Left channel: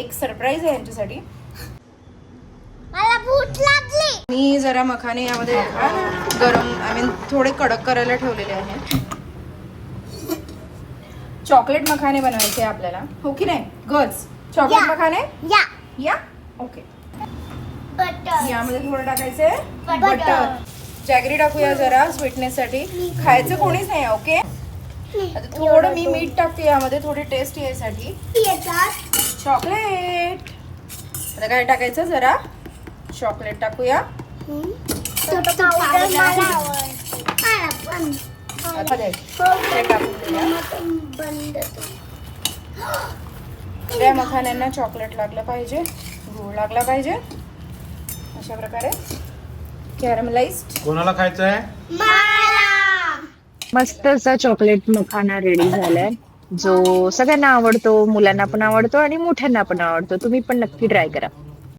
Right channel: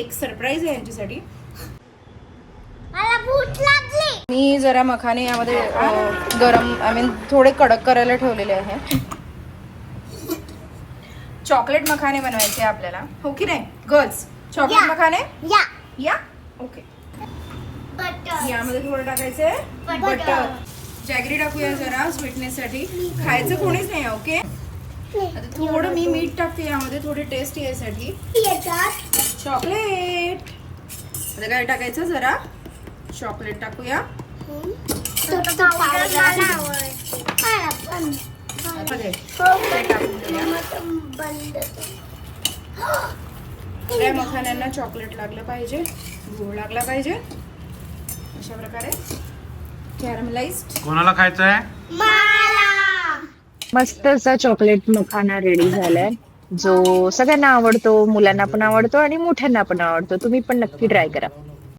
एक सरप्राईज आहे यांच्यासाठी. मला भूक लागली. मी जरा मखाने यामध्ये गरम थोडे कडक करायला ठेवलेले आहे. चॉकलेट मखाने बनवायचे आपल्याला, हो की नाही गर्ल्स? चॉकलेट मखाने या या ओके. बटर यामध्ये थोडं टाकायचे बटर. बटर. जॅगरी टाकूया जरा स्वीटनेस साठी. खायचे कोणीच नाही ओके. आता थोडं मी मीठ टाकते यामध्ये थोडी टेस्ट यासाठी. चॉकलेट आता काय टाकायचं, जरा चॉकलेट टाकूया. आता काय या मखान्यांना चॉकलेट लागलं पाहिजे, गुळ लागला पाहिजे. अशा प्रकारे कॅरमलाइज्ड. कोणाला खायचं आहे? मस्त असा चॉकलेट मखाना रेडी झालाय, जो सगळ्यांना आवडतो, मुलांना पण आवडतो आणि मोठ्यांना पण आवडतो. तुम्ही पण नक्की ट्राय करा.